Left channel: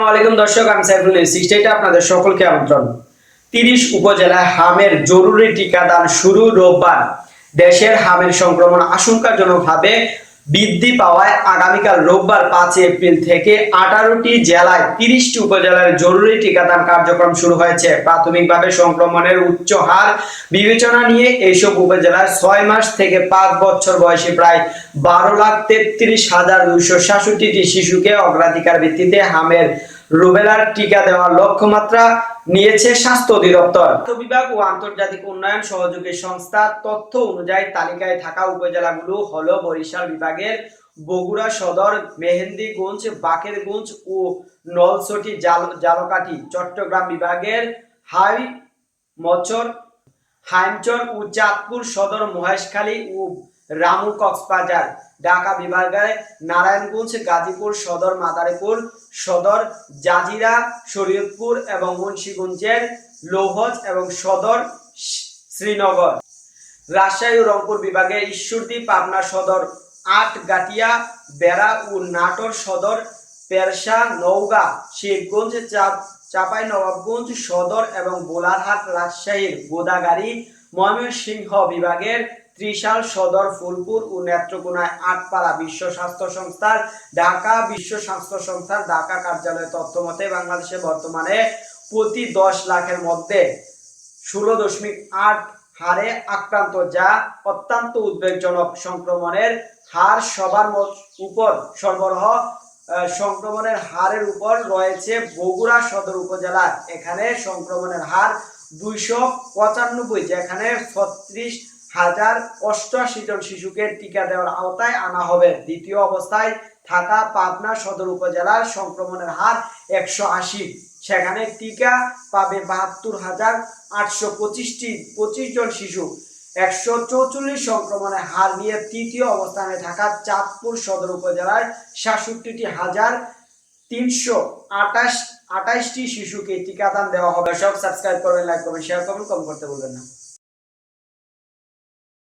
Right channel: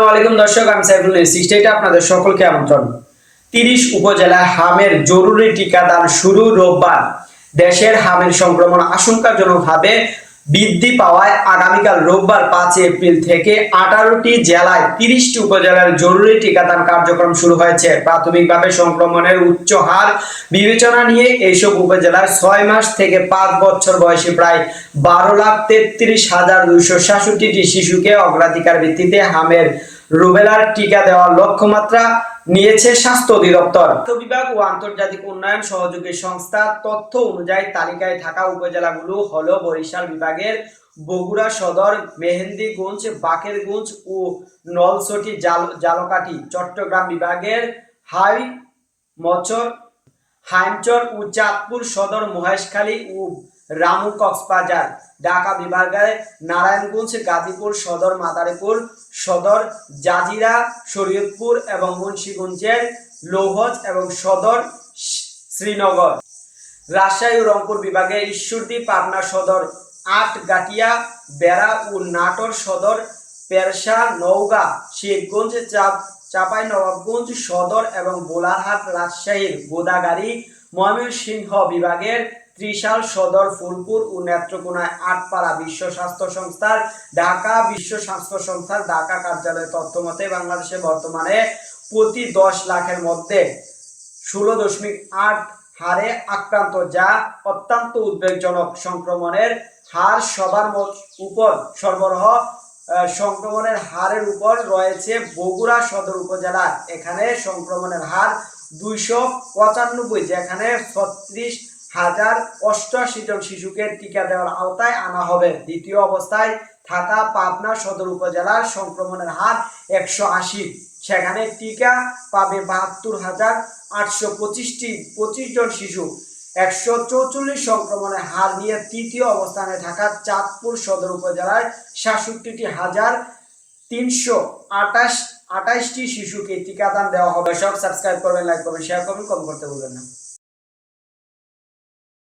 আসসালামু দর্শক, আমি সাইফুল সিক্সটি আপনাদের সকলকে আমন্ত্রণ। 30 উপজেলায় হামের জরুরি টিকাদান শুরু রোববার। দেশের হামের সংক্রমণ আশঙ্কাজনকভাবে বৃদ্ধি পাওয়ায় আগামীকাল রোববার 5 এপ্রিল থেকে 18টি জেলায় 30টি উপজেলার জরুরি টিকাদান কার্যক্রম শুরু হয়েছে। প্রাথমিকভাবে সংক্রমণের উচ্চ হার বিবেচনা নিয়ে এইসব উপজেলার 6 মাস থেকে 5 বছর বয়সী প্রায় 12,33,266টি শিশুকে অগ্রাধিকার ভিত্তিতে হামের রুবেলার টিকা দেওয়ার লক্ষ্যমাত্রা নিয়েছে স্বাস্থ্য অধিদপ্তর। স্বাস্থ্য বিভাগ ও আন্তর্জাতিক উন্নয়ন সহযোগী সংস্থা তথ্য অনুযায়ী তালিকায় থাকা উপজেলাগুলো হলো বরিশাল বিভাগের বগুড়া সদর, মেহেন্দিগঞ্জ, বাকেরগঞ্জ ও নলছটি জালকাঠি, চট্টগ্রাম বিভাগের হাইমচর ও চাঁদপুর সদর, মহেশখালী ও রামু, কক্সবাজার। ঢাকা বিভাগের নারায়ণগঞ্জ, গাজীপুর সদর, মাদারীপুর সদর, জাজিরা, শরীয়তপুর এবং মুন্সিগঞ্জের লৌহজ এবং সদর, শ্রীনগর। রাজশাহী ও রংপুর বিভাগের ঈশ্বরদী, পাবনা সদর, আটগাটিয়া, বেড়া ও নাটোর সদর, পেরশা, নওগাঁ, শিবগঞ্জ, চাঁপাইনবাবগঞ্জ সদর এবং বোলারহাট। রাজশাহীর গোদাগাড়ী। ময়মনসিংহ বিভাগের ত্রিশাল সদর, ফুলপুর ও নেত্রকোনায় আটপাড়া। বিশ্ব স্বাস্থ্য সংস্থার ঢাকা বিশ্ব স্বাস্থ্য সংস্থার ঢাকা কার্যালয়ের তথ্য মতে বাংলাদেশে বর্তমানে প্রতি 10 লাখের মধ্যে 16.8 হারে আক্রান্ত, যা অত্যন্ত উদ্বেগজনক। সংক্রমণের হার সবার উপর সংক্রমণের হারের উপর রয়েছে বগুড়া সদর উপজেলা। এখানে সংক্রমণের হার 295, যেখানে 36,088 জন শিশুকে টিকা দেওয়ার আওতায় আনা হবে। দ্বিতীয় অবস্থায় থাকা পাবনা সদর উপজেলার সংক্রমণের হার 180, সেখানে টিকা পাবে 72,825 জন শিশু। 144 সংক্রমণের হার নিয়ে তৃতীয় অবস্থানে থাকা চাঁদপুর সদর উপজেলার 67,328টি শিশুকে টিকাদান দেওয়া হবে। সব সাবস্ক্রাইব করবেন, লাইক করবেন, শেয়ার করবেন, কমেন্ট করতে ভুলবেন না।